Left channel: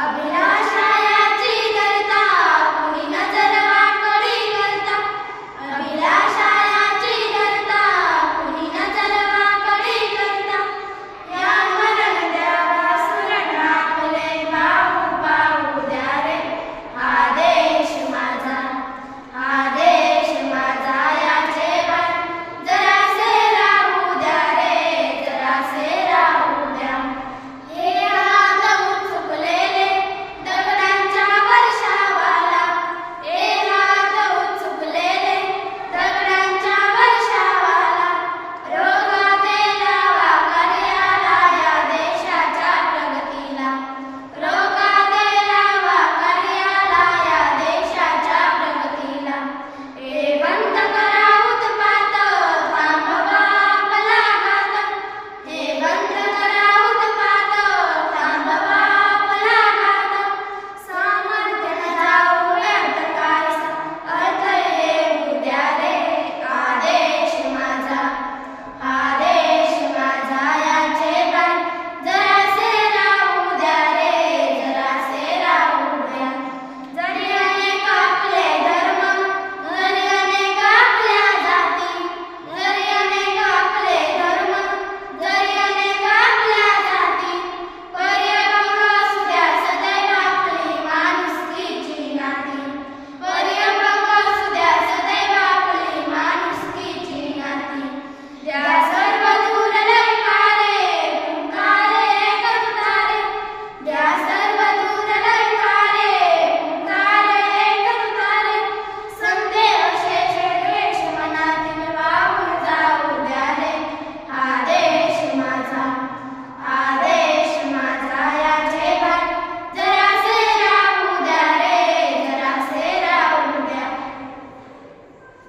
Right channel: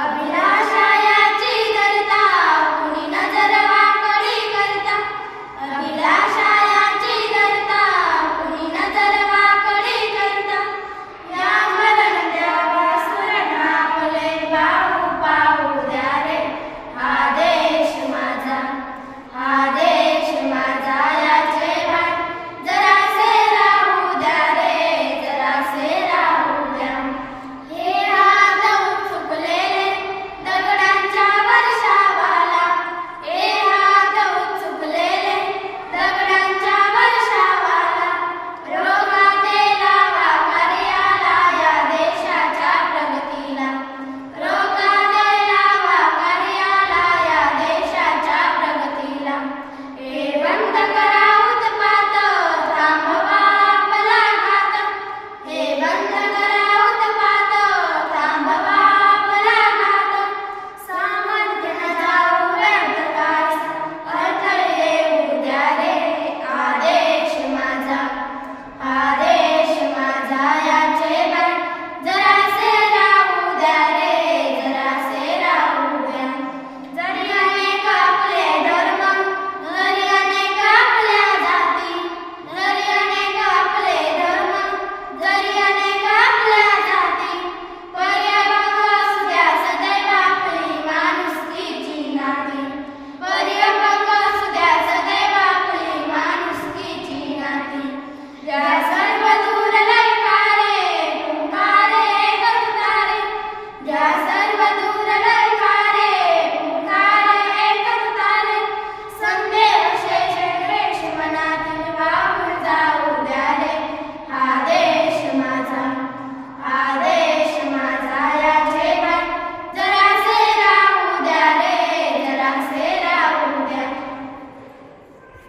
Abrila